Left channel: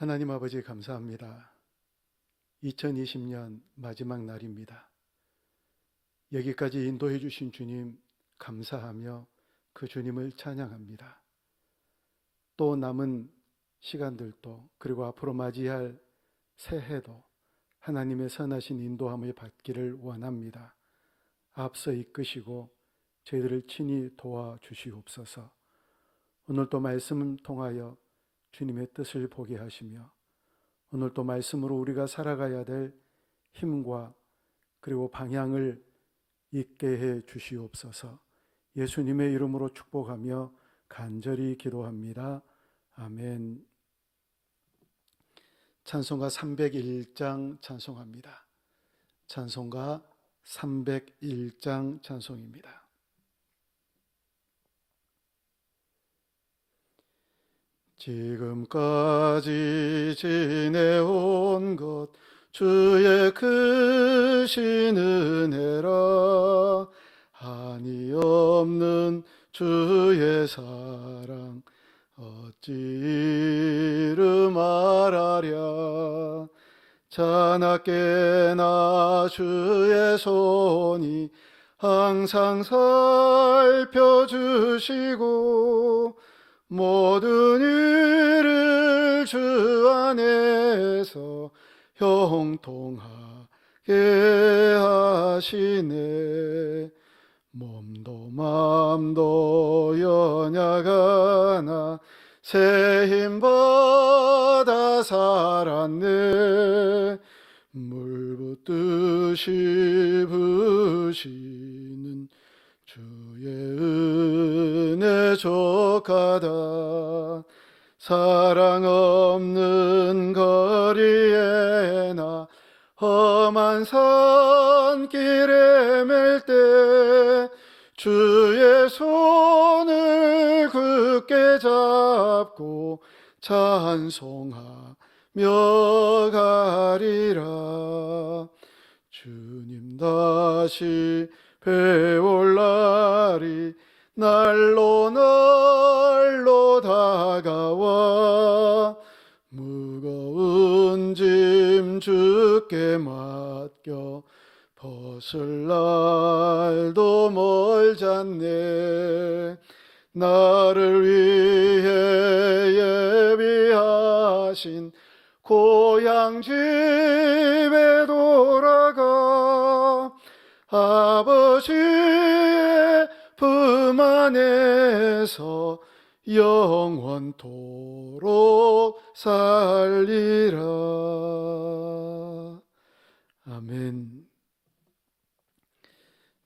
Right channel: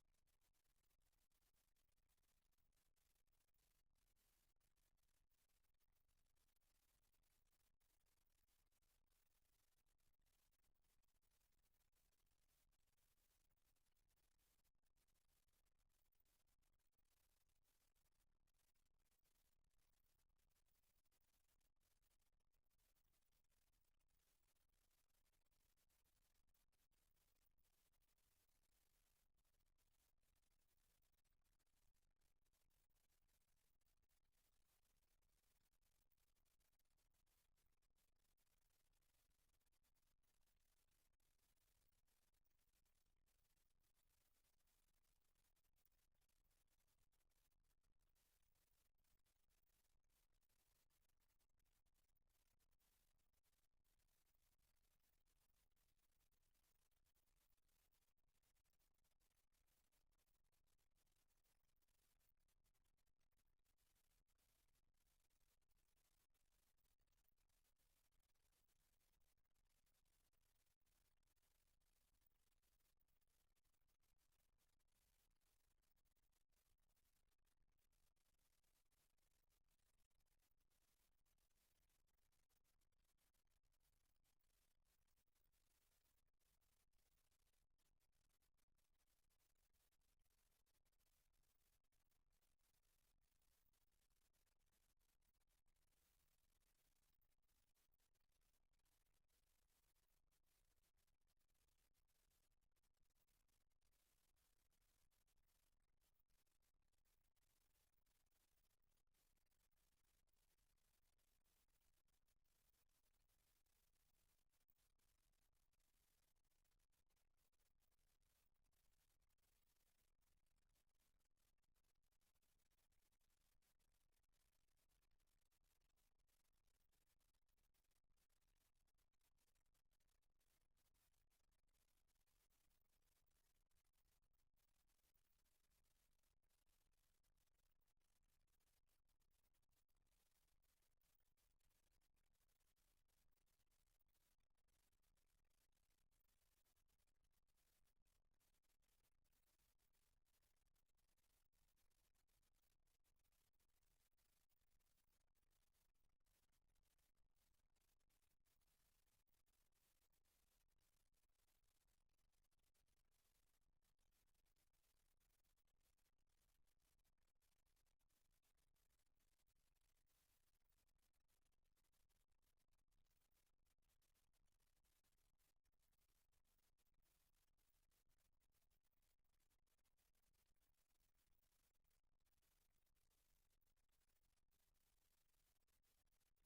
하나님 아버지 감사합니다. 2020년 마지막 날입니다. 여기까지 인도해 주신 주님 감사하며 그 주님을 찬양합니다. 또 남은 시간들도 그리고 앞으로 맞이할 새해도 하나님의 선하신 인도함을 받기를 원합니다. 앞서 이끄시고 저희들을 친히 도와주시옵소서. 오늘도 말씀을 통하여 주님의 뜻을 보게 하시며 오늘도 말씀으로 우리가 살아가야 될 힘과 그리고 방향을 있게 해 주시옵소서. 예수님의 이름으로 축복하며 간절히 기도합니다. 아멘. 찬송가 301장 찬송합니다. 찬송가 301장 찬송입니다. 지금까지 지내온 것 주의 크신 은혜라. 한이 없는 주의 사랑 어찌 이루 말하랴. 자나깨나 주의 손이 항상 살펴주시고 모든 일을 주 안에서 형통하게 하시네. 몸도 마음도 연약하나 새 힘 받아 살았네. 물 붓듯이 부시는 주의 은혜 족하다. 사랑 없는 거리에 나 험한 산길에 맬 때 주의 손을 굳게 잡고 찬송하며 가리라. 주님 다시 배울 날이 날로 다가와 무거운 짐 주께 맡겨 벗을 날도 멀잖네. 나를 위해 예비하신 고향 집에 돌아가 아버지의 품 안에서 영원토록 살리라. 아멘.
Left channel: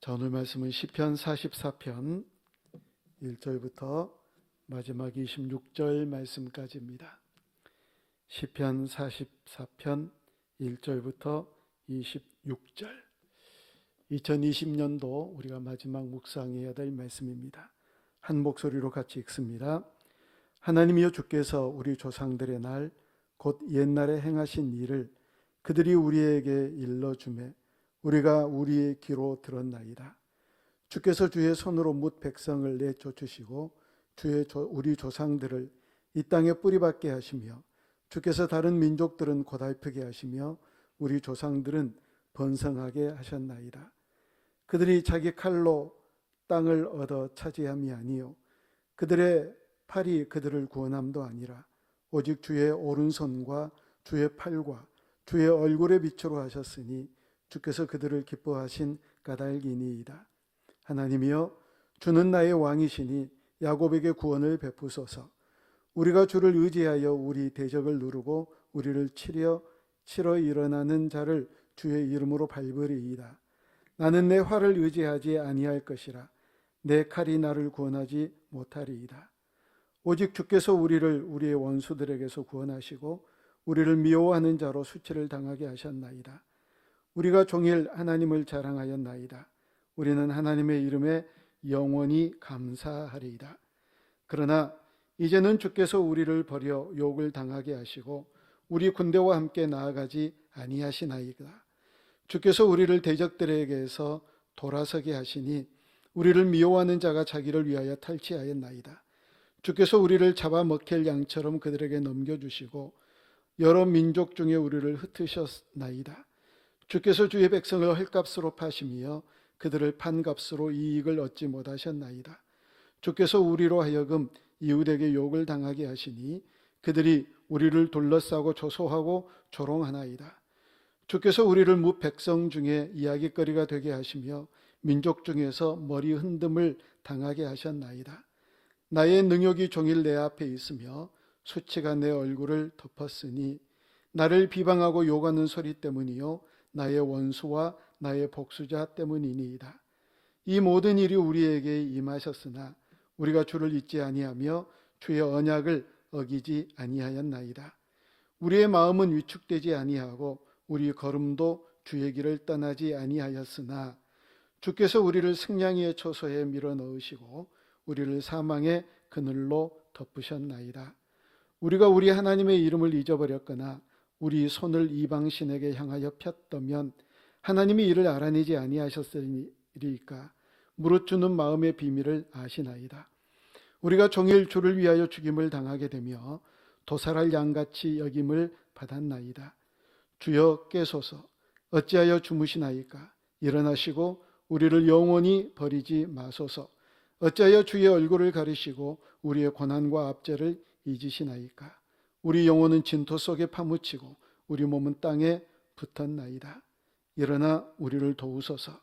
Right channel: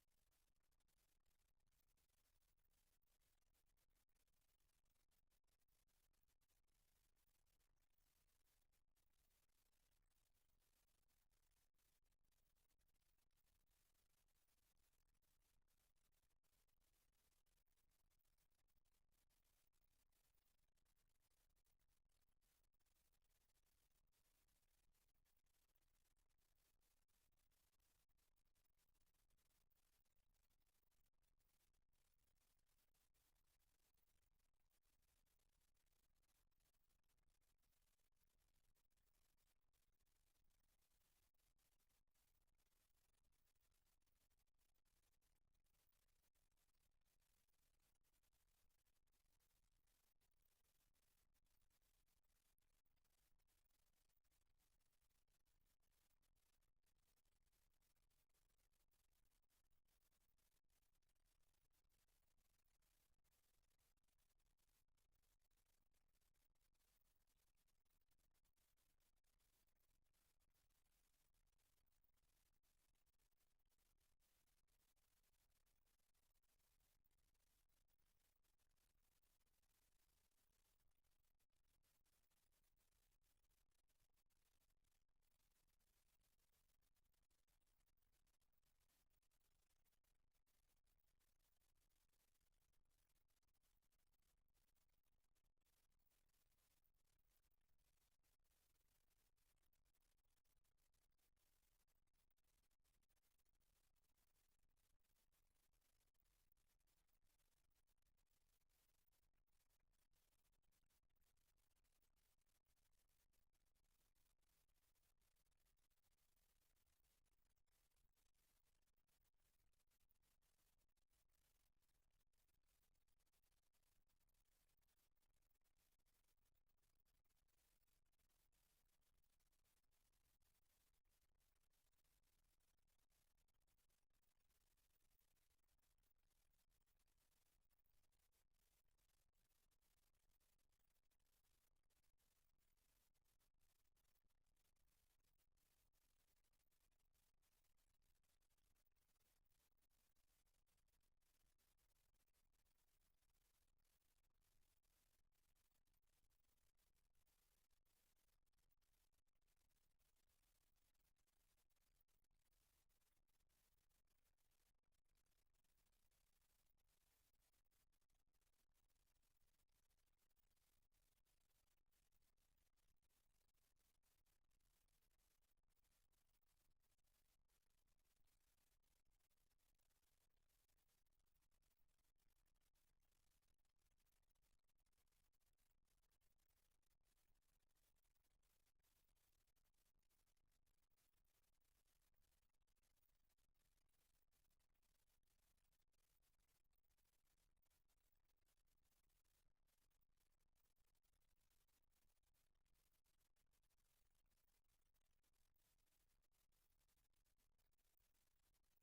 자, 오늘 말씀은 시편 44편 1절부터 마지막 26절 말씀까지입니다. 시편 44편 1절부터 26절. 2020년도 우리가 마지막 묵상해야 될 말씀입니다. 한 목소리로 같이 읽습니다. 하나님이여, 주께서 우리 조상들의 날 곧 옛날에 행하신 일을 그들이 우리에게 일러주매 우리가 우리의 귀로 들었나이다. 주께서 주의 손으로 뭇 백성을 내쫓으시고 우리 조상들을 이 땅에 뿌리박게 하시며 주께서 다른 민족들은 고달프게 하시며 우리 조상들은 번성하게 하셨나이다. 그들이 자기 칼로 땅을 얻어 차지함이 아니요 그들의 팔이 그들을 구원함도 아니라 오직 주의 오른손과 주의 팔과 주의 얼굴의 빛으로 하셨으니 주께서 그들을 기뻐하신 까닭이니이다. 하나님이여, 주는 나의 왕이시니 야곱에게 구원을 베푸소서. 우리가 주를 의지하여 우리 대적을 누르고 우리를 치러 일어나는 자를 주의 이름으로 밟으리이다. 나는 내 활을 의지하지 아니할 것이라. 내 칼이 나를 구원하지 못하리이다. 오직 주께서 우리를 우리의 원수들에게서 구원하시고 우리를 미워하는 자로 수치를 당하게 하셨나이다. 우리가 종일 하나님을 자랑하였나이다. 우리는 하나님의 이름에 영원히 감사하리이다. 그러나 이제는 주께서 우리를 버려 욕을 당하게 하시고 우리 군대와 함께 나아가지 아니하시나이다. 주께서 우리를 대적들에게서 돌아서게 하시니 우리를 미워하는 자가 자기를 위하여 탈취하였나이다. 주께서 우리를 잡아먹힐 양처럼 그들에게 넘겨주시고 여러 민족 중에 우리를 흩으셨나이다. 주께서 주의 백성을 헐값으로 파시며 그들을 판값으로 이익을 얻지 못하셨나이다. 주께서 우리로 하여금 이웃에게 욕을 당하게 하시니 그들이 우리를 둘러싸고 조소하고 조롱하나이다. 주께서 우리를 무 백성 중에 이야기거리가 되게 하시며 민족 중에서 머리 흔듦을 당하게 하셨나이다. 나의 능욕이 종일 내 앞에 있으며 수치가 내 얼굴을 덮었으니 나를 비방하고 욕하는 소리 때문이요 나의 원수와 나의 복수자 때문이니이다. 이 모든 일이 우리에게 임하셨으나 우리가 주를 잊지 아니하며 주의 언약을 어기지 아니하였나이다. 우리의 마음은 위축되지 아니하고 우리 걸음도 주의 길을 떠나지 아니하였으나 주께서 우리를 승냥이의 초소에 밀어 넣으시고 우리를 사망의 그늘로 덮으셨나이다. 우리가 우리 하나님의 이름을 잊어버렸거나 우리 손을 이방신에게 향하여 폈다면 하나님이 이를 알아내지 아니하셨으리까. 무릇 주는 마음의 비밀을 아시나이다. 우리가 종일 주를 위하여 죽임을 당하게 되며 도살할 양같이 여김을 받았나이다. 주여 깨소서. 어찌하여 주무시나이까. 일어나시고 우리를 영원히 버리지 마소서. 어찌하여 주의 얼굴을 가리시고 우리의 고난과 압제를 잊으시나이까. 우리 영혼은 진토 속에 파묻히고 우리 몸은 땅에 붙었나이다. 일어나 우리를 도우소서.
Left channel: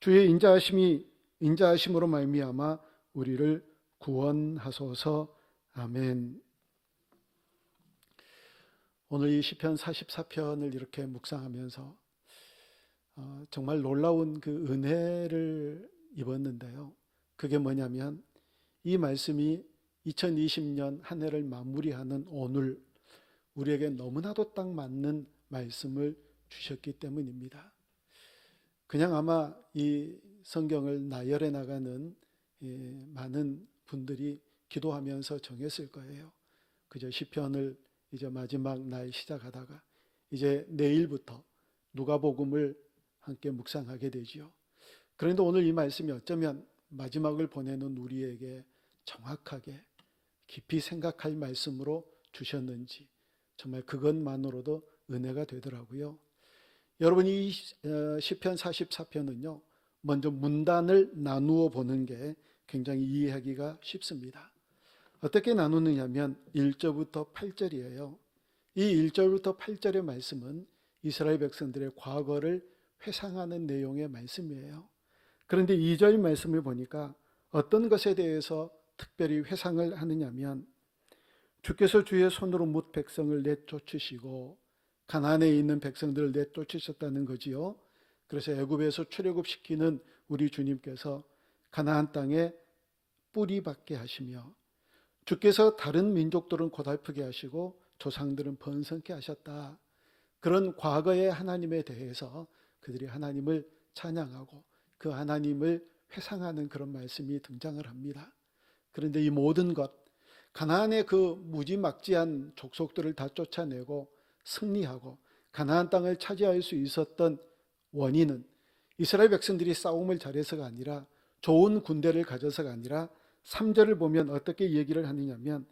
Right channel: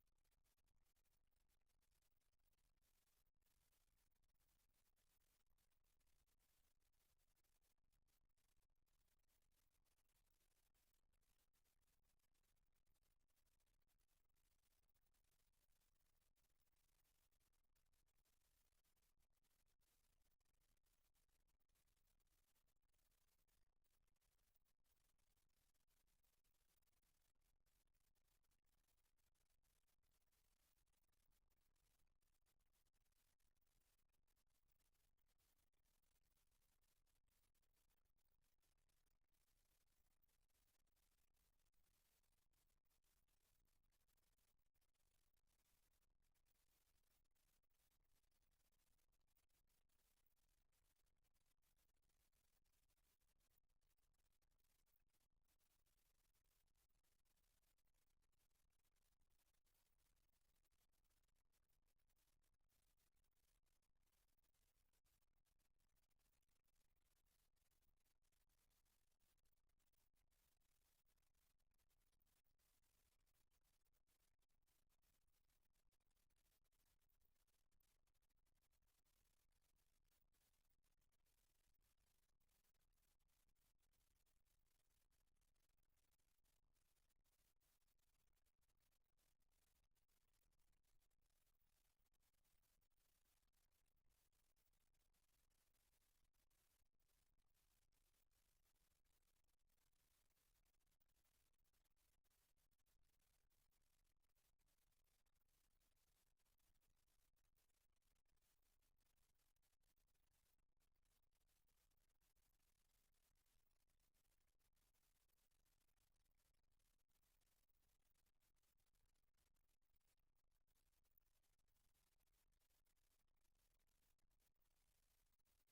주의 인자하심으로 말미암아 우리를 구원하소서. 아멘. 오늘 이 시편 44편을 이렇게 묵상하면서 정말 놀라운 그 은혜를 입었는데요. 그게 뭐냐면 이 말씀이 2020년 한 해를 마무리하는 오늘 우리에게 너무나도 딱 맞는 말씀을 주셨기 때문입니다. 그냥 아마 이 성경을 나열해 나가는 많은 분들이 기도하면서 정했을 거예요. 그저 시편을 이제 마지막 날 시작하다가 이제 내일부터 누가복음을 함께 묵상하게 되지요. 그런데 오늘 이 말씀이 어쩌면 마지막을 보내는 우리에게 정확하게 깊이 생각할 말씀으로 주셨는지 정말 그것만으로도 은혜가 되더라고요. 여러분 이 시편 44편은요. 먼저 문단을 나누어 보는 게 굉장히 이해하기가 쉽습니다. 어떻게 나누느냐면 1절부터 8절이에요. 이 1절부터 8절의 말씀은 이스라엘 백성들의 과거를 회상하는 내용의 말씀이에요. 그런데 2절 말씀을 보니까 어떤 것에 대해서 특별히 회상을 하느냐면 주께서 주의 손으로 뭇 백성을 내쫓으시고 가나안에 있는 백성들을 내쫓으셨다는 거지요. 그래서 애굽에서 출애굽시키는 우리 주님께서 가나안 땅에 뿌리 박게 하시며 주께서 다른 민족들은 고달프게 하시고 조상들은 번성케 하셨다. 그런 과거의 하나님에 대해서 그들이 하나님을 찬양하고 그 하나님을 회상하는 그런 말씀이 등장을 합니다. 그런데 이 모든 것, 가나안의 그 무지막지한 족속들을 다 쫓아내고 승리하고 가나안 땅을 차지할 수 있었던 원인은 이스라엘 백성들이 싸움을 잘해서가 아니라 좋은 군대를 가져서가 아니라 3절을 보면 어떻게 얘기를 하느냐면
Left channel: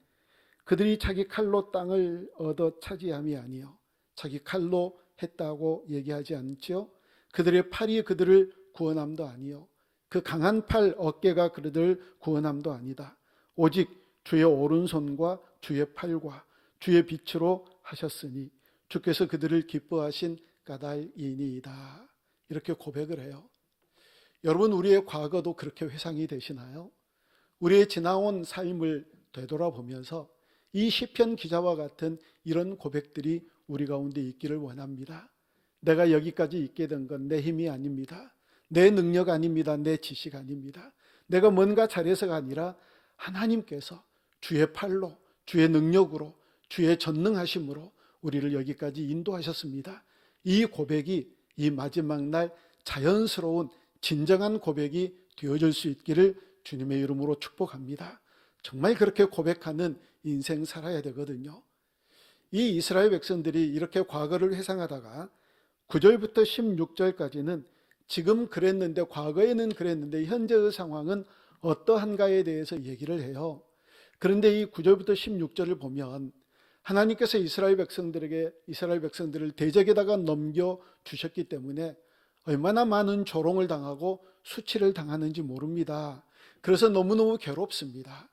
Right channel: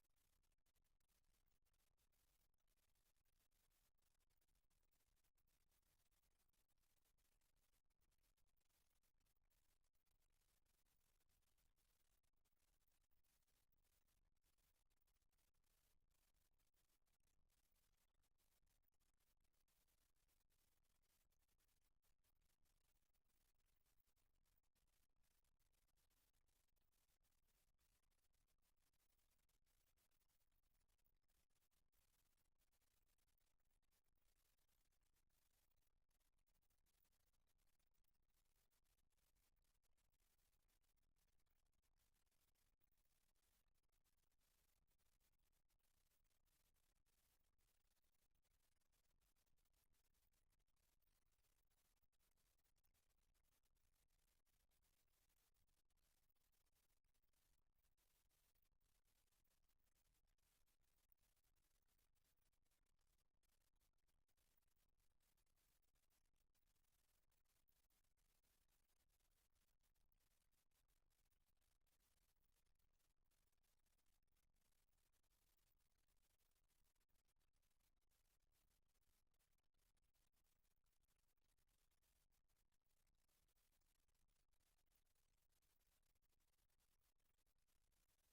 그들이 자기 칼로 땅을 얻어 차지함이 아니요 자기 칼로 했다고 얘기하지 않죠. 그들의 팔이 그들을 구원함도 아니요 그 강한 팔 어깨가 그들을 구원함도 아니다. 오직 주의 오른손과 주의 팔과 주의 빛으로 하셨으니 주께서 그들을 기뻐하신 까닭이니이다. 이렇게 고백을 해요. 여러분 우리의 과거도 그렇게 회상이 되시나요? 우리의 지나온 삶을 되돌아보면서 이 시편 기자와 같은 이런 고백들이 우리 가운데 있기를 원합니다. 내가 여기까지 있게 된 건 내 힘이 아닙니다. 내 능력 아닙니다. 내 지식 아닙니다. 내가 뭔가 잘해서가 아니라 하나님께서 주의 팔로 주의 능력으로 주의 전능하심으로 우리를 여기까지 인도하셨습니다. 이 고백이 이 마지막 날 자연스러운 진정한 고백이 되어줄 수 있기를 주님의 이름으로 축복합니다. 정말 그렇게 고백하는 인생 살아야 되거든요. 이 이스라엘 백성들이 이렇게 과거를 회상하다가 9절부터 16절까지는 지금 그랬는데 과거에는 그랬는데 현재의 상황은 어떠한가에 대해서 얘기를 해요. 그런데 이 9절부터 16절을 보면 하나님께서 이스라엘 백성들을 대적에다가 넘겨 주셨기 때문에 얼마나 많은 조롱을 당하고 수치를 당하는지 모릅니다. 그래서 너무너무 괴롭습니다.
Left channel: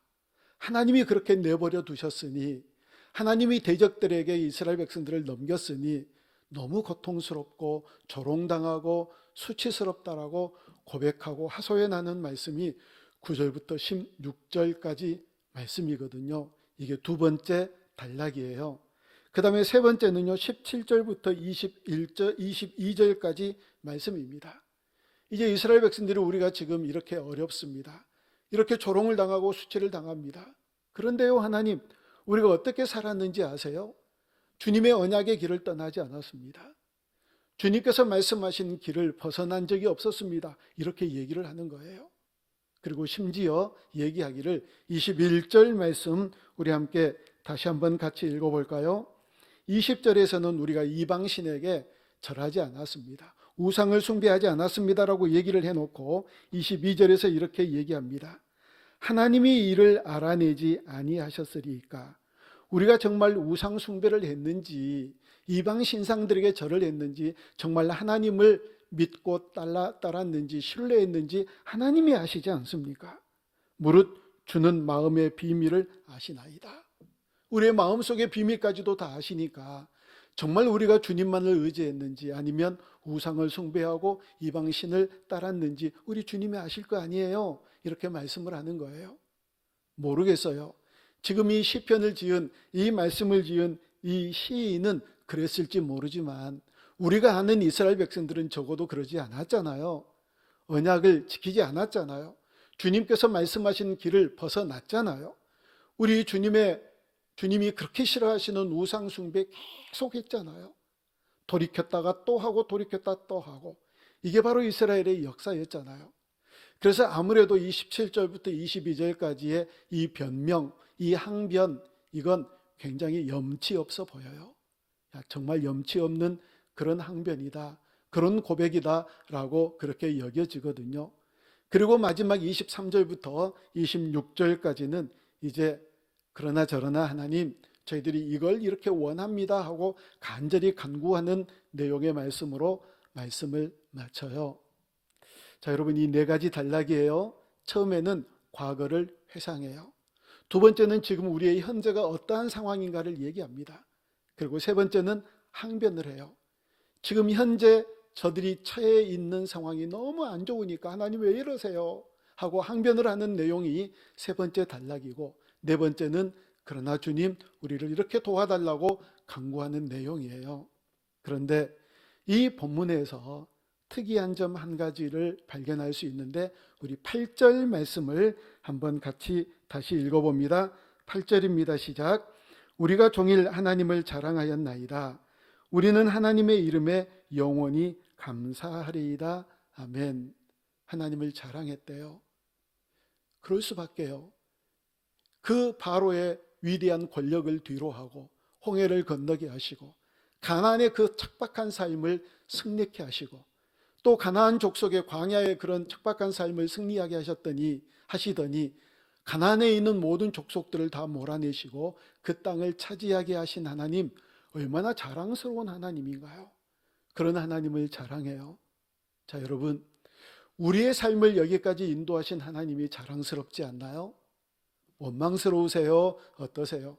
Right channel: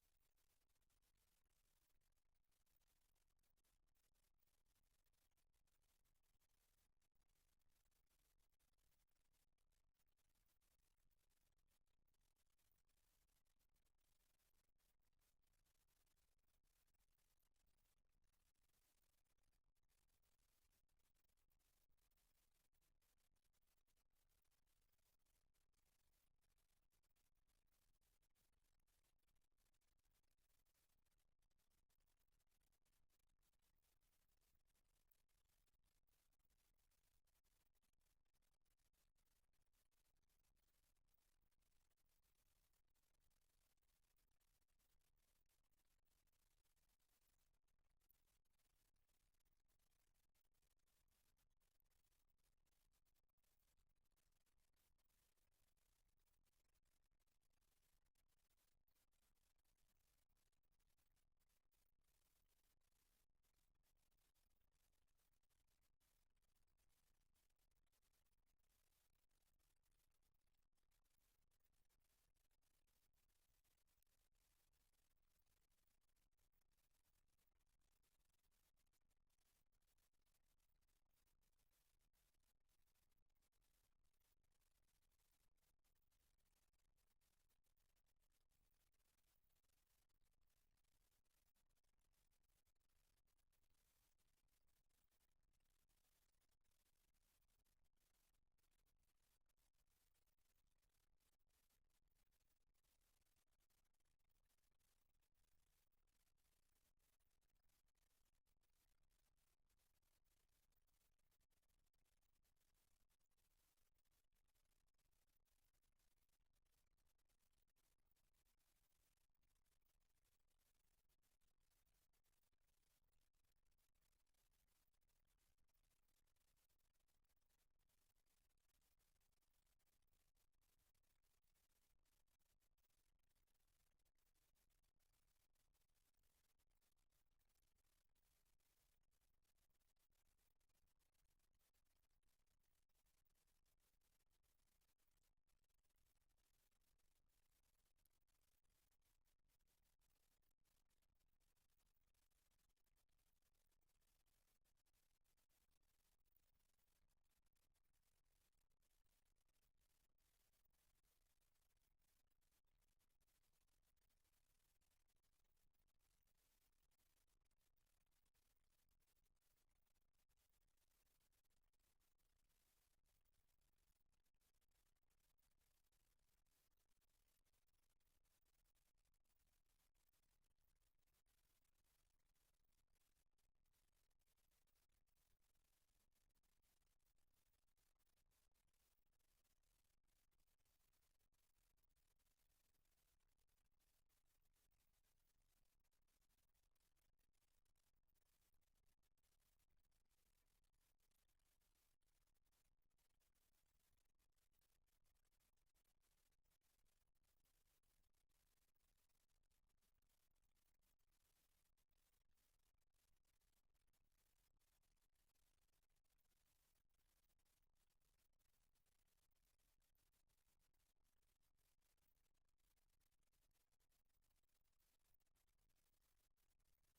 하나님이 그렇게 내버려 두셨으니, 하나님이 대적들에게 이스라엘 백성들을 넘겼으니 너무 고통스럽고 조롱당하고 수치스럽다라고 고백하고 하소연하는 말씀이 9절부터 16절까지 말씀이거든요. 이게 두 번째 단락이에요. 그 다음에 세 번째는요, 17절부터 22절까지 말씀입니다. 이제 이스라엘 백성들이 우리가 지금 이렇게 어렵습니다. 이렇게 조롱을 당하고 수치를 당합니다. 그런데요, 하나님, 우리가 어떻게 살았는지 아세요? 주님의 언약의 길을 떠나지 않았습니다. 주님께서 말씀하신 길을 벗어난 적이 없었습니다. 이렇게 얘기를 하는 거예요. 그리고 심지어 얘기하기를 21절 말씀 우리 함께 다시 한번 같이 읽어볼까요? 20절에서는 우리가 이방신에게 절하지 않았습니다. 우상을 숭배하지 않았습니다라고 얘기를 해놓고 22절에서 이렇게 얘기합니다. 하나님이 이를 알아내지 아니하셨으리까. 우리가 정말 우상 숭배를 했는지, 이방 신상들에게 절을 했는지, 정말 하나님을 믿고 따랐는지 신뢰했는지 하나님이 아시지 않습니까? 무릇 주는 마음의 비밀을 아시나이다. 우리의 마음속의 비밀까지도 다 아시니까 정말 우리가 주님만을 의지했는지 아니면 우상을 숭배하고 이방신을 따랐는지 우리 주님이 아실 거 아니에요. 이렇게 말씀을 하는 거예요. 모르겠어요. 지금 이 시편을 지은, 이 말씀을 지은 이 시인은 그랬을지 모르지만 우리가 아는 이스라엘 백성들은 적어도 그러지 않았잖아요. 언약을 지키지 않았잖아요. 주님께서 말씀하신 길을 벗어났잖아요. 우리 주님이 그렇게 싫어하시는 우상 숭배 계속 했잖아요. 돌이켰다가 또 하고 돌이켰다 또 하고. 이게 바로 이스라엘의 역사였잖아요. 그래서 아무래도 27절부터 22절까지의 이 변명, 이 항변, 이건 굉장히 염치 없어 보여요. 정말 염치 없는 그런 항변이다, 그런 고백이다라고 그렇게 여겨지거든요. 그리고 마지막 23절부터 26절까지는 이제 그러나 저러나 하나님, 저희들이 이걸 이렇게 원합니다 하고 간절히 간구하는 내용의 말씀으로 말씀을 마쳐요. 자, 여러분, 이 네 가지 단락이에요. 처음에는 과거를 회상해요. 두 번째는 지금 우리의 현재가 어떠한 상황인가를 얘기합니다. 그리고 세 번째는 항변을 해요. 지금 현재 저들이 처해 있는 상황이 너무 안 좋으니까 하나님 왜 이러세요? 하고 항변을 하는 내용이 세 번째 단락이고, 네 번째는 그러나 주님, 우리를 이렇게 도와달라고 간구하는 내용이에요. 그런데 이 본문에서 특이한 점 한 가지를 발견할 수 있는데, 우리 8절 말씀을 한번 같이 다시 읽어봅니다. 8절입니다. 시작. 우리가 종일 하나님을 자랑하였나이다. 우리는 하나님의 이름에 영원히 감사하리이다. 아멘. 하나님을 자랑했대요. 그럴 수밖에요. 그 바로의 위대한 권력을 뒤로하고 홍해를 건너게 하시고 가나안의 그 척박한 삶을 승리케 하시고 또 가나안 족속의 광야의 그런 척박한 삶을 승리하게 하시더니 가나안에 있는 모든 족속들을 다 몰아내시고 그 땅을 차지하게 하신 하나님, 얼마나 자랑스러운 하나님인가요? 그런 하나님을 자랑해요. 자, 여러분, 우리의 삶을 여기까지 인도하신 하나님이 자랑스럽지 않나요? 원망스러우세요? 어떠세요?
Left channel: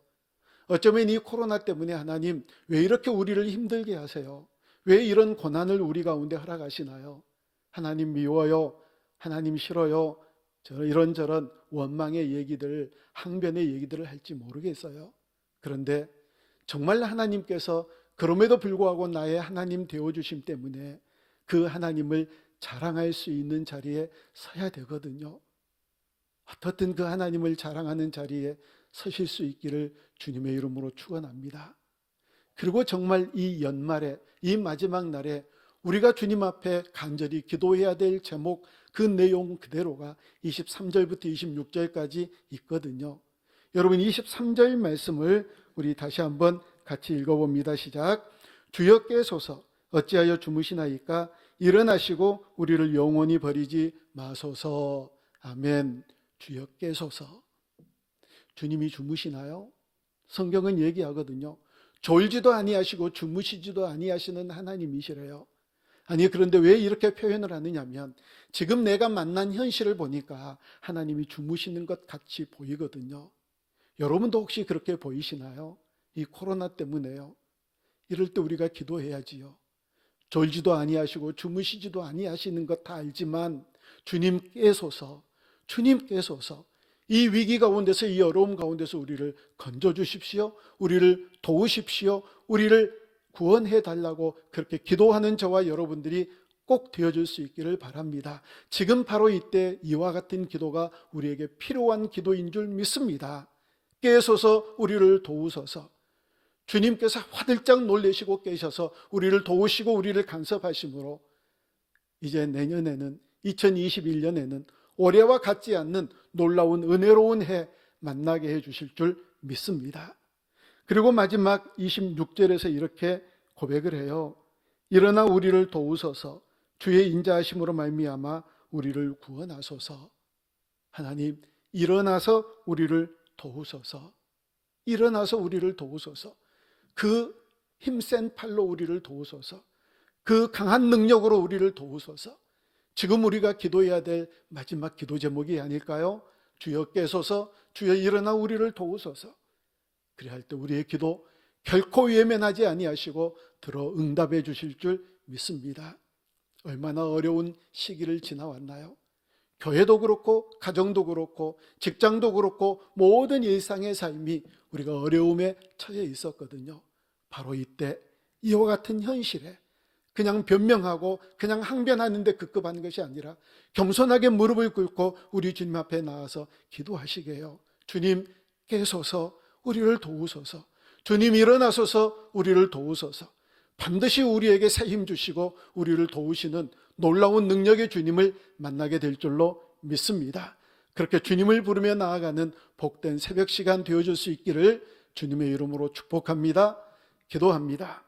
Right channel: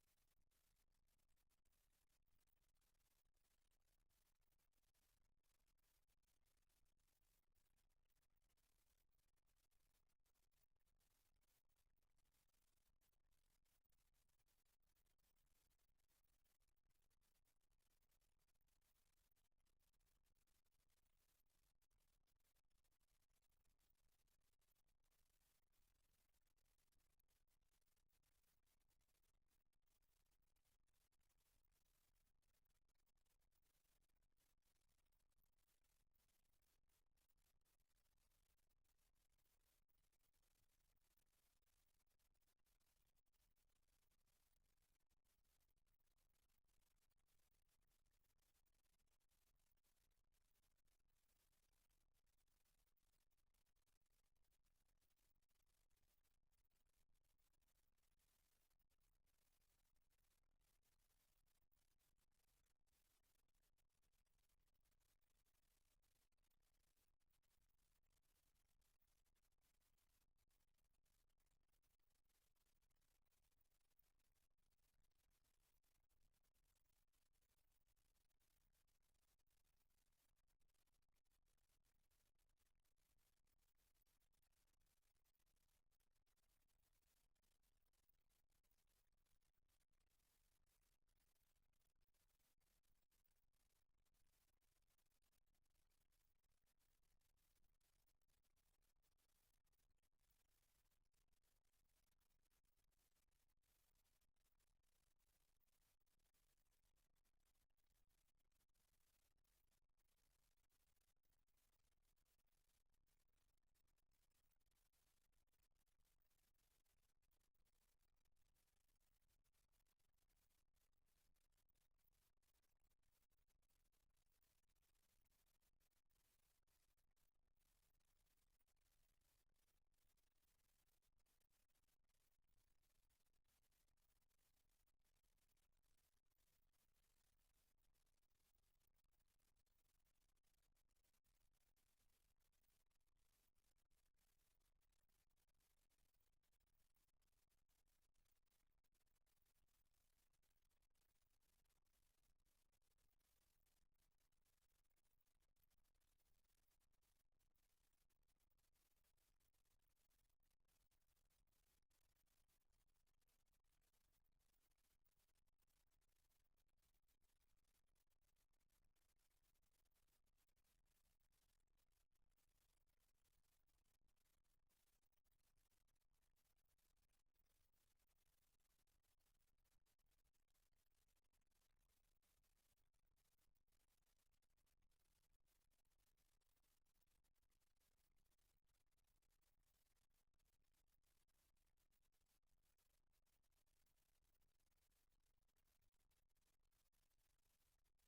어쩌면 이 코로나 때문에 하나님 왜 이렇게 우리를 힘들게 하세요? 왜 이런 고난을 우리 가운데 허락하시나요? 하나님 미워요, 하나님 싫어요, 이런저런 원망의 얘기들, 항변의 얘기들을 할지 모르겠어요. 그런데 정말 하나님께서 그럼에도 불구하고 나의 하나님 되어주심 때문에 그 하나님을 자랑할 수 있는 자리에 서야 되거든요. 어떻든 그 하나님을 자랑하는 자리에 서실 수 있기를 주님의 이름으로 축원합니다. 그리고 정말 이 연말에, 이 마지막 날에 우리가 주님 앞에 간절히 기도해야 될 제목, 그 내용 그대로가 23절부터 26절까지 있거든요. 여러분, 23절 말씀을 우리 다시 한번 같이 읽어봅니다. 시작. 주여 깨소서, 어찌하여 주무시나이까? 일어나시고 우리를 영원히 버리지 마소서. 아멘. 주여 깨소서. 주님이 주무시나요? 성경은 얘기하거든요. 졸지도 아니하시고 주무시지도 아니하시는 하나님이시래요. 아니, 그런데 왜 이렇게 표현을 하느냐면 지금 내가 만난 현실을 보니까 하나님이 주무시는 것 같이 보이거든요. 여러분도 혹시 그렇게 보이시나요? 이 코로나 때문에요. 이럴 때 우리가 기도해야지요. 졸지도 아니하시고 주무시지도 아니하시는 것 다 알지만 주님께서서 이 위기 가운데서, 이 어려움 가운데서 우리를 건져주십시오. 우리를 도우십시오. 우리를 구원해 달라고 그렇게 기도하는 저와 여러분들이 꼭 되어줄 수 있기를 바랍니다. 지금 바로 이때 이와 같은 기도가 우리에게 필요한 기도인 줄 믿습니다. 깨소서 우리를 도우소서. 주님께서 화들짝 놀라시고 깨셔서 우리를 도우시고 우리를 간섭하심으로 이제 내년에는, 2021년에는 올해와 같지 않는 놀라운 은혜로운 해 만나게 해주실 줄 믿습니다. 그리고 마지막 26절에서 이렇게 고백을 해요. 일어나 우리를 도우소서. 주의 인자하심으로 말미암아 우리를 구원하소서. 하나님, 일어나서 우리를 도우소서. 일어나서 우리를 도우소서. 그 힘센 팔로 우리를 도우소서. 그 강한 능력으로 우리를 도우소서. 지금 우리가 기도해야 될 마지막 기도 제목이 아닐까요? 주여 깨소서, 주여 일어나 우리를 도우소서. 그래야 할 때 우리의 기도 결코 외면하지 아니하시고 들어 응답해 주실 줄 믿습니다. 얼마나 어려운 시기를 지나왔나요? 교회도 그렇고 가정도 그렇고 직장도 그렇고 모든 일상의 삶이 우리가 어려움에 처해 있었거든요. 바로 이때 이와 같은 현실에 그냥 변명하고 그냥 항변하는데 급급한 것이 아니라 겸손하게 무릎을 꿇고 우리 주님 앞에 나와서 기도하시게 해요. 주님 깨소서, 우리를 도우소서. 주님 일어나소서, 우리를 도우소서. 반드시 우리에게 새 힘 주시고 우리를 도우시는 놀라운 능력의 주님을 만나게 될 줄로 믿습니다. 그렇게 주님을 부르며 나아가는 복된 새벽 시간 되어줄 수 있기를 주님의 이름으로 축복합니다. 기도합니다.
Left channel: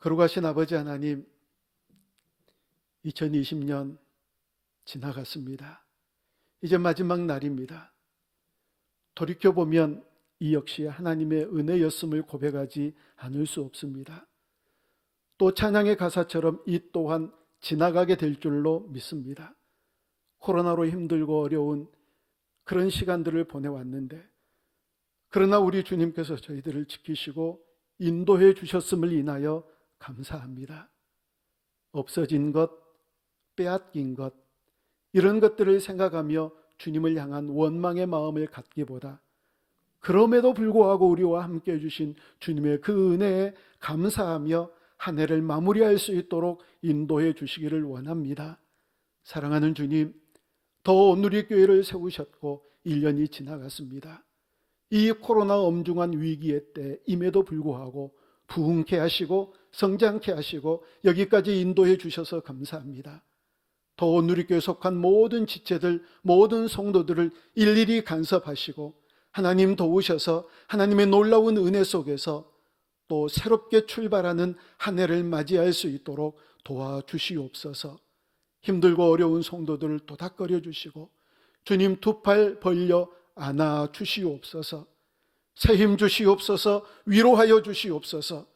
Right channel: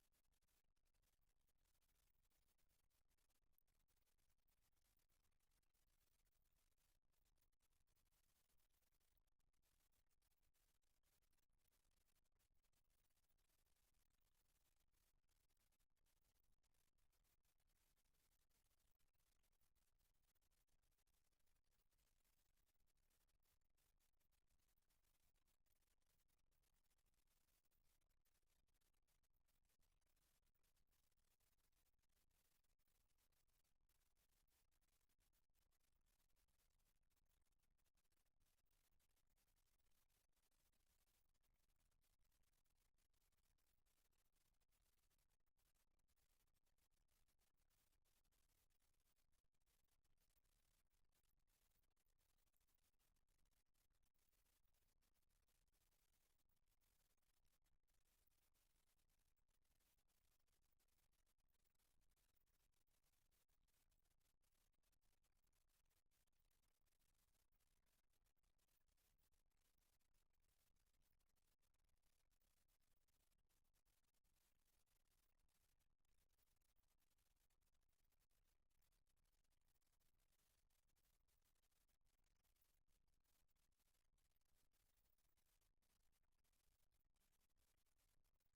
거룩하신 아버지 하나님, 2020년 지나갔습니다. 이제 마지막 날입니다. 돌이켜보면 이 역시 하나님의 은혜였음을 고백하지 않을 수 없습니다. 또 찬양의 가사처럼 이 또한 지나가게 될 줄로 믿습니다. 코로나로 힘들고 어려운 그런 시간들을 보내왔는데, 그러나 우리 주님께서 저희들을 지키시고 인도해 주셨음을 인하여 감사합니다. 없어진 것, 빼앗긴 것, 이런 것들을 생각하며 주님을 향한 원망의 마음을 갖기보다 그럼에도 불구하고 우리와 함께 해주신 주님의 그 은혜에 감사하며 한 해를 마무리할 수 있도록 인도해 주시기를 원합니다. 사랑하는 주님, 더 온누리교회를 세우셨고 1년이 지나갔습니다. 이 코로나 엄중한 위기의 때임에도 불구하고 부흥케 하시고 성장케 하시고 여기까지 인도해 주셔서 감사합니다. 더 온누리교회에 속한 모든 지체들, 모든 성도들을 일일이 간섭하시고 하나님 도우셔서 하나님의 놀라운 은혜 속에서 또 새롭게 출발하는 한 해를 맞이할 수 있도록 도와주시옵소서. 힘들고 어려운 성도들을 도닥거려 주시고 주님 두 팔 벌려 안아 주시옵소서. 새 힘 주시옵소서. 위로하여 주시옵소서.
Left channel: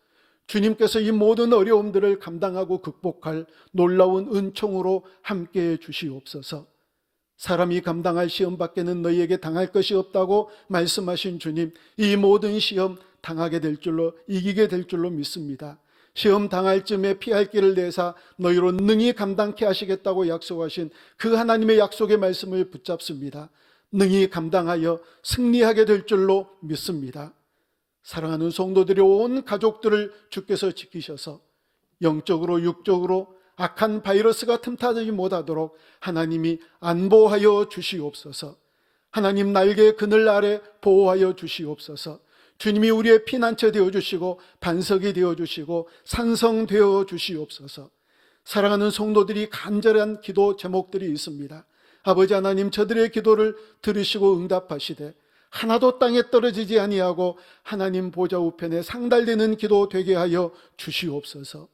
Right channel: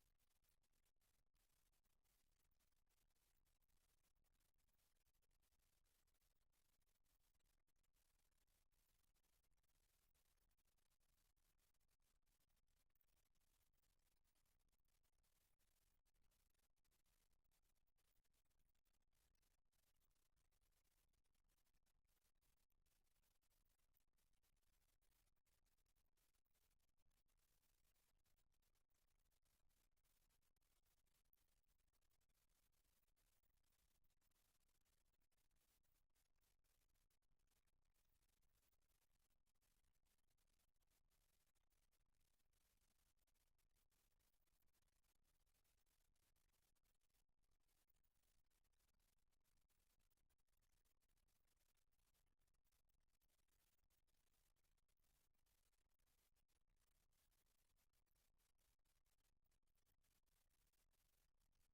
주님께서 이 모든 어려움들을 감당하고 극복할 놀라운 은총으로 함께해 주시옵소서. 사람이 감당할 시험 밖에는 너희에게 당할 것이 없다고 말씀하신 주님, 이 모든 시험 당하게 될 줄로, 이기게 될 줄로 믿습니다. 시험 당할 쯤에 피할 길을 내사 너희로 능히 감당케 하시겠다고 약속하신 그 하나님의 약속의 말씀을 붙잡습니다. 능히 감당하여 승리하게 될 줄로 믿습니다. 사랑하는 성도들의 온 가족들을 주께서 지키셔서 영적으로 육적으로 악한 바이러스가 틈타지 못하도록 하나님이 안보하여 주시옵소서. 하나님 날개의 그늘 아래 보호하여 주시옵소서. 주님이 우리의 피난처 되어주시고 반석이 되어주시고 산성 되어주시옵소서. 사랑하는 성도들이 간절한 기도 제목들이 있습니다. 아버지 하나님, 저들의 기도를 들으시고 응답하시되 하나도 땅에 떨어지지 아니하고 하나님 보좌 우편에 상달되는 기도 되게 하여 주시옵소서.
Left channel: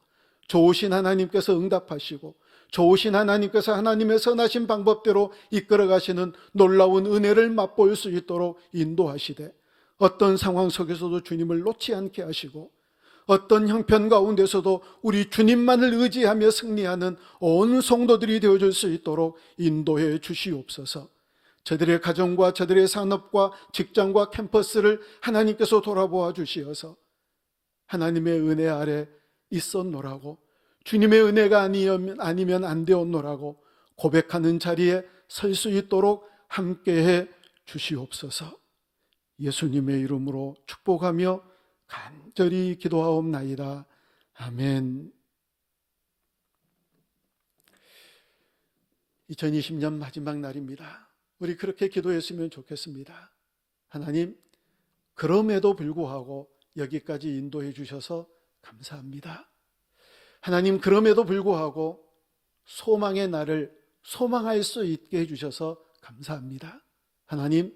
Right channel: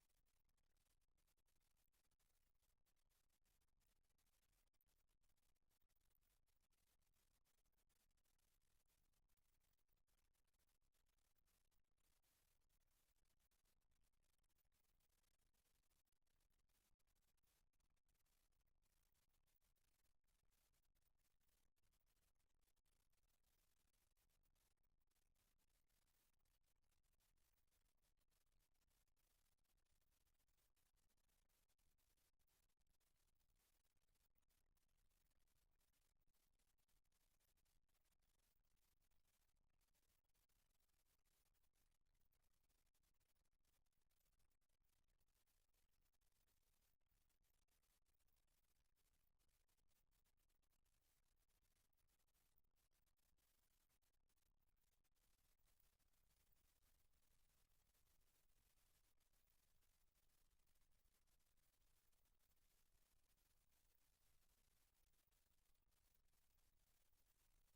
좋으신 하나님께서 응답하시고 좋으신 하나님께서 하나님의 선하신 방법대로 이끌어 가시는 놀라운 은혜를 맛볼 수 있도록 인도하시되, 어떤 상황 속에서도 주님을 놓지 않게 하시고, 어떤 형편 가운데서도 우리 주님만을 의지하며 승리하는 온 성도들이 되어줄 수 있도록 인도해 주시옵소서. 저들의 가정과 저들의 산업과 직장과 캠퍼스를 하나님께서 돌아보아 주시어서 하나님의 은혜 아래 있었노라고, 주님의 은혜가 아니면 안 되었노라고 고백하는 자리에 설 수 있도록 함께해 주시옵소서. 예수님의 이름으로 축복하며 간절히 기도하옵나이다. 아멘. 2020년 마지막 날입니다. 우리 그렇게 기도했으면 좋겠습니다. 하나님, 그럼에도 불구하고 여기까지 인도해 주셔서 감사합니다. 하나님, 그럼에도 불구하고 소망의 날을 소망할 수 있게 해주셔서 감사합니다. 하나님,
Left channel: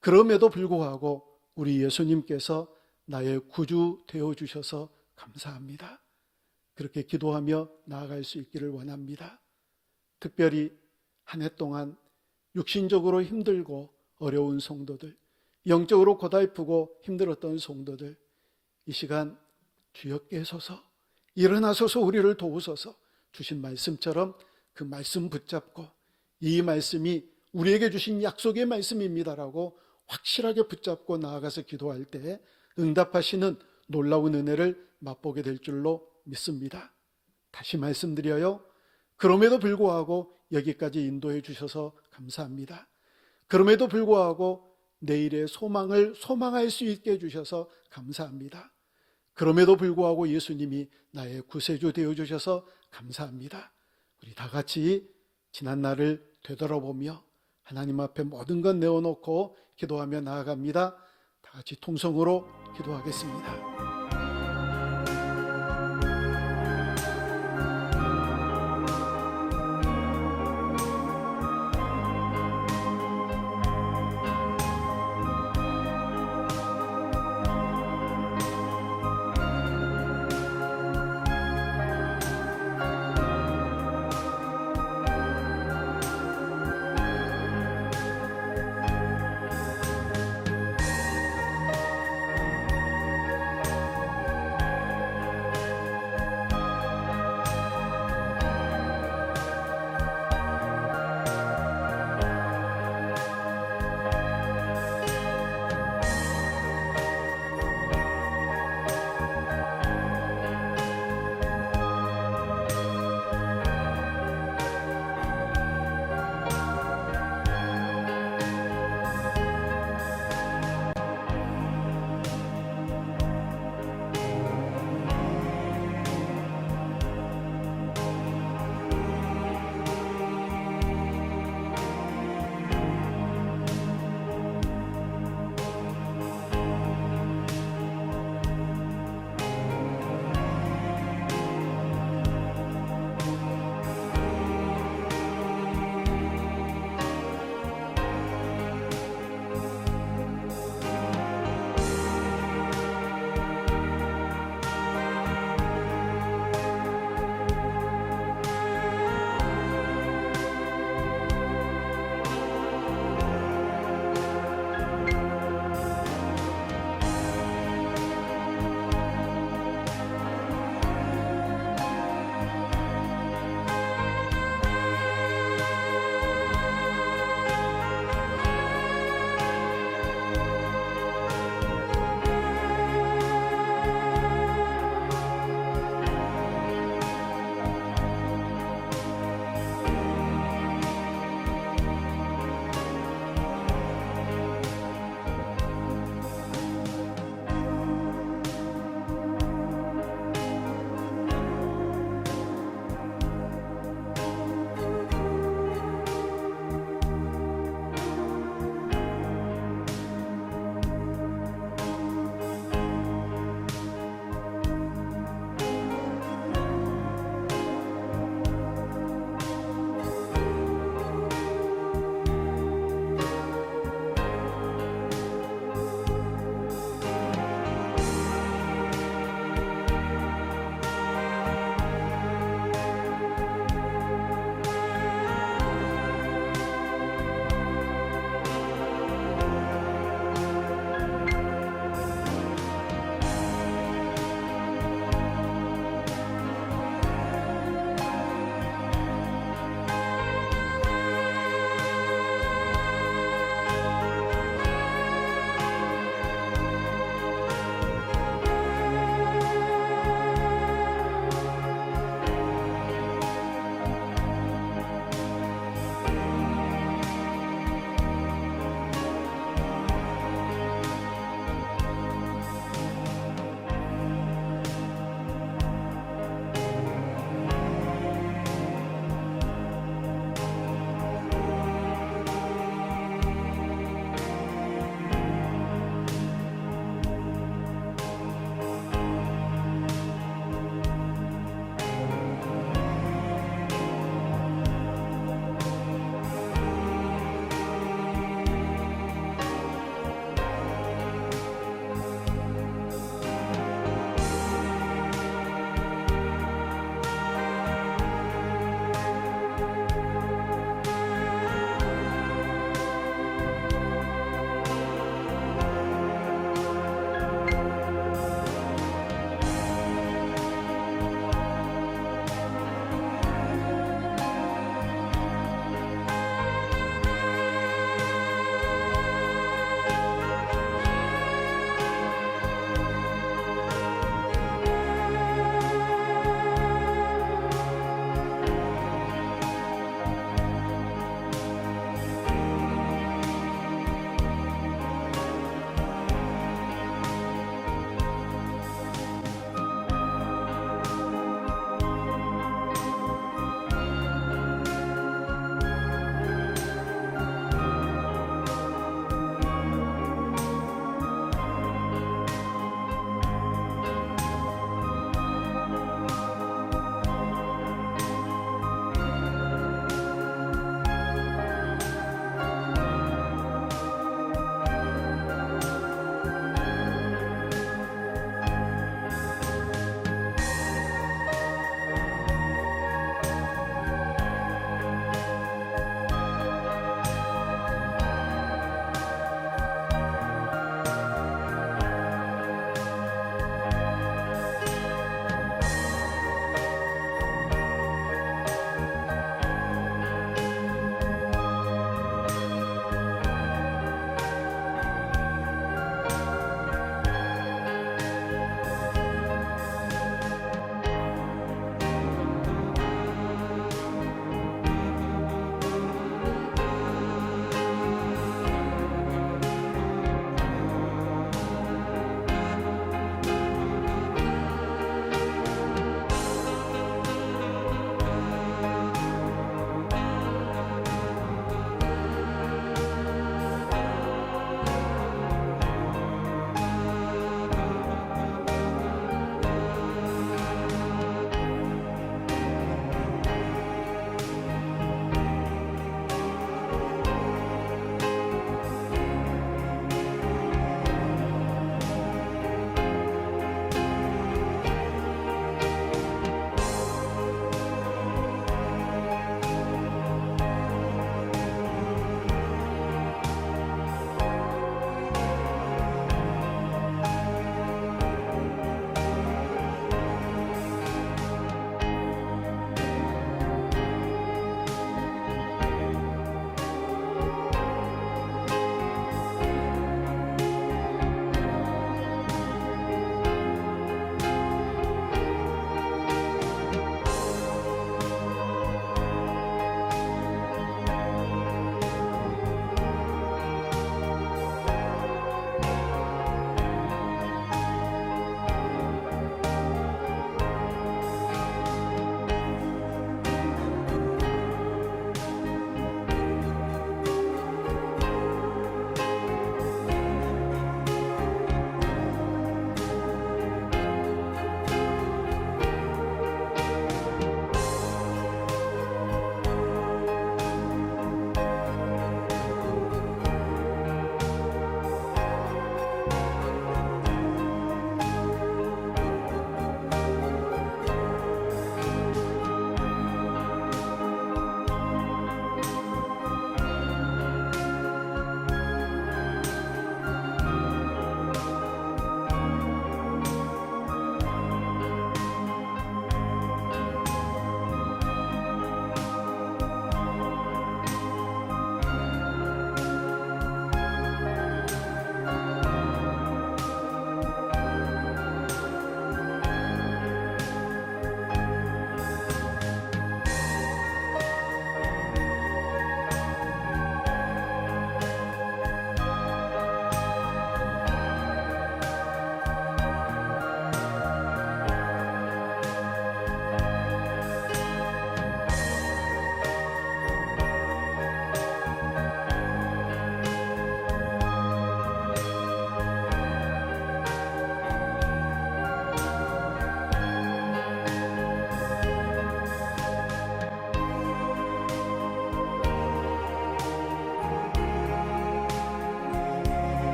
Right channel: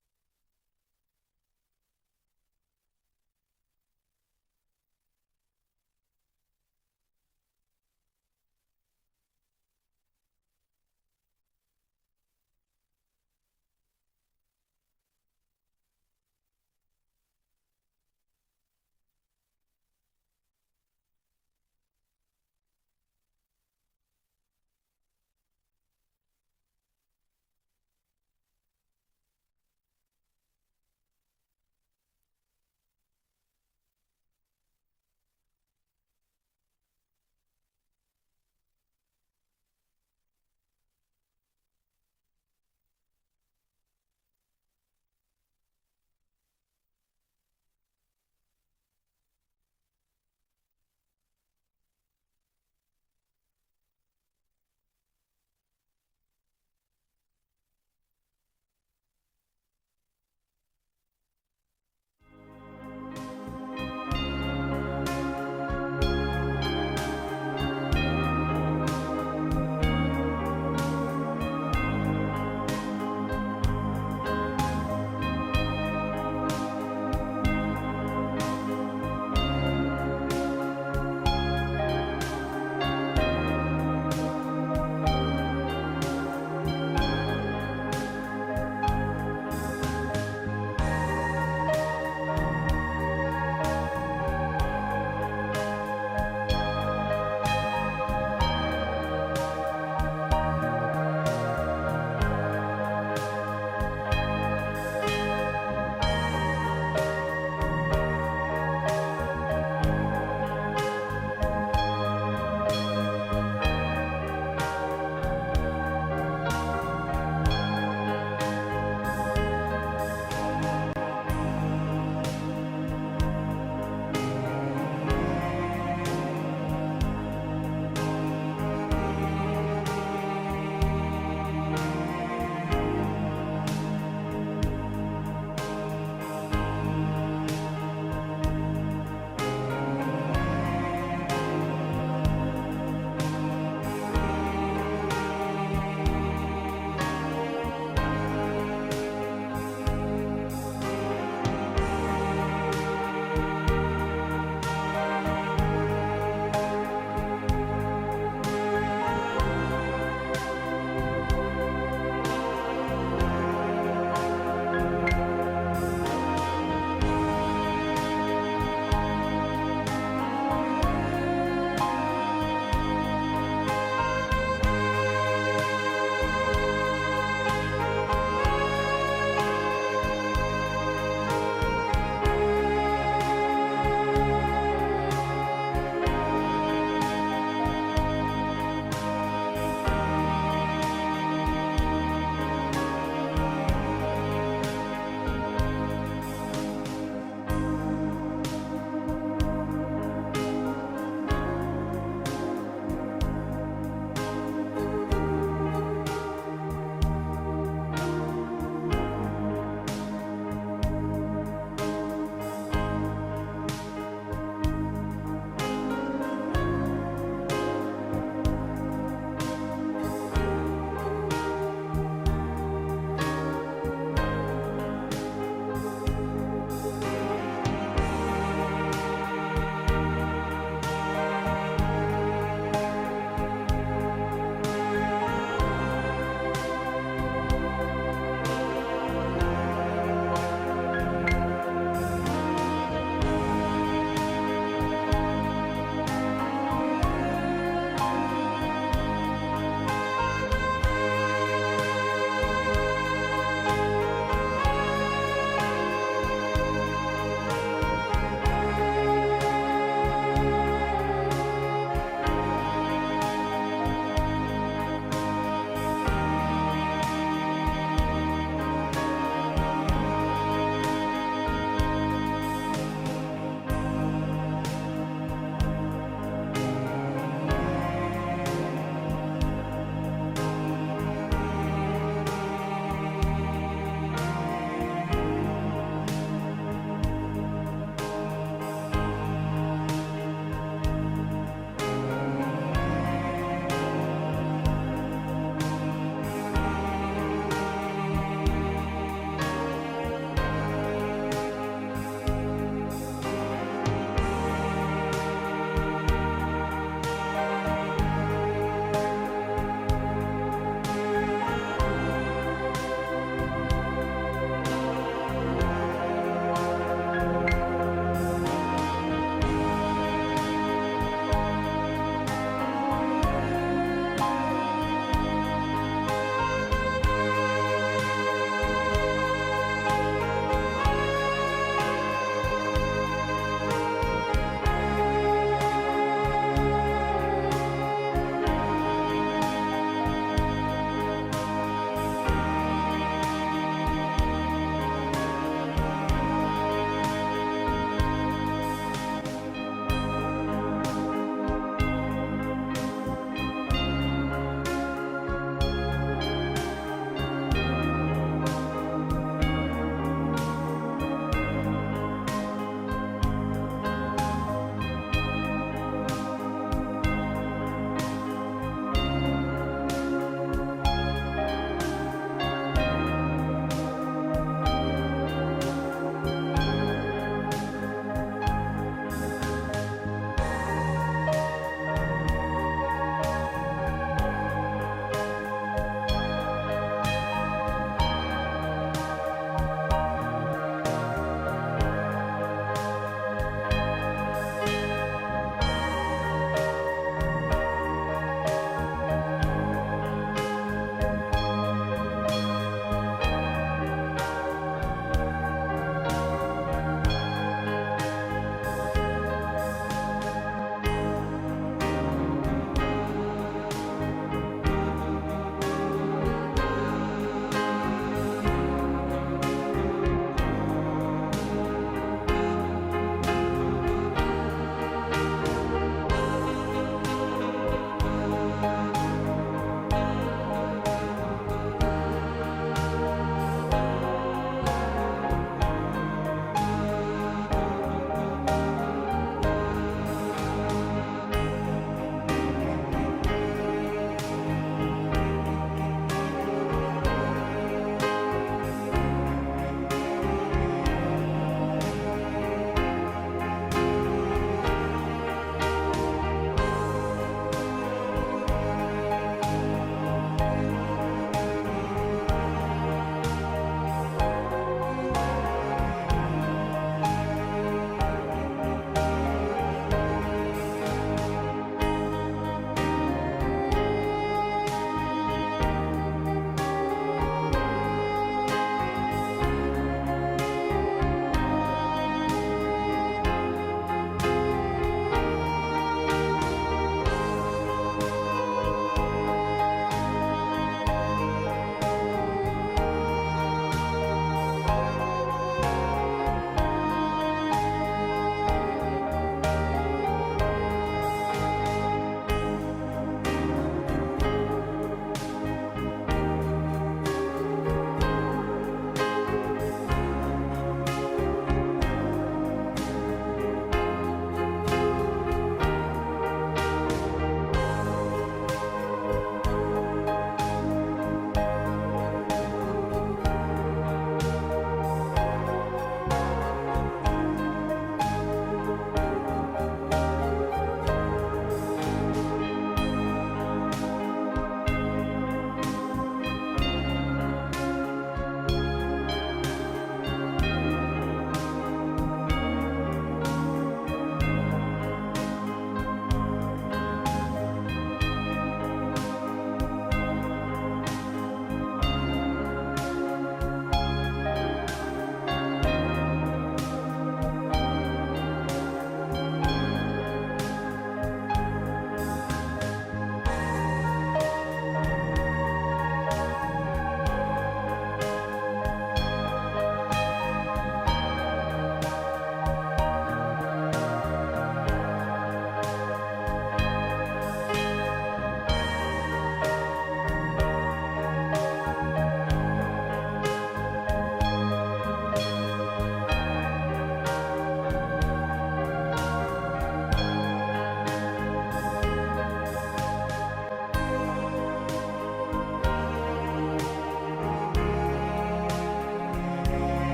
그럼에도 불구하고 우리 예수님께서 나의 구주 되어주셔서 감사합니다. 그렇게 기도하며 나아갈 수 있기를 원합니다. 특별히 한 해 동안 육신적으로 힘들고 어려운 성도들, 영적으로 고달프고 힘들었던 성도들, 이 시간 주여 깨소서, 일어나소서, 우리를 도우소서. 주신 말씀처럼 그 말씀 붙잡고 이 말씀이 우리에게 주신 약속의 말씀입니다라고 확실하게 붙잡고 나아가서 기도할 때 응답하시는 놀라운 은혜를 맛보게 될 줄로 믿습니다. 다시 말씀드려요. 그럼에도 불구하고 여기까지 인도해 주셔서 감사합니다. 그럼에도 불구하고 내일의 소망을 소망할 수 있게 해주셔서 감사합니다. 그럼에도 불구하고 예수님이 나의 구세주 되어주셔서 감사합니다. 우리 다 같이 지난 날을 되돌아보며 하나님 앞에 모든 것 내어놓고 기도하며 나아갑니다. 다 같이 통성으로 기도하겠습니다.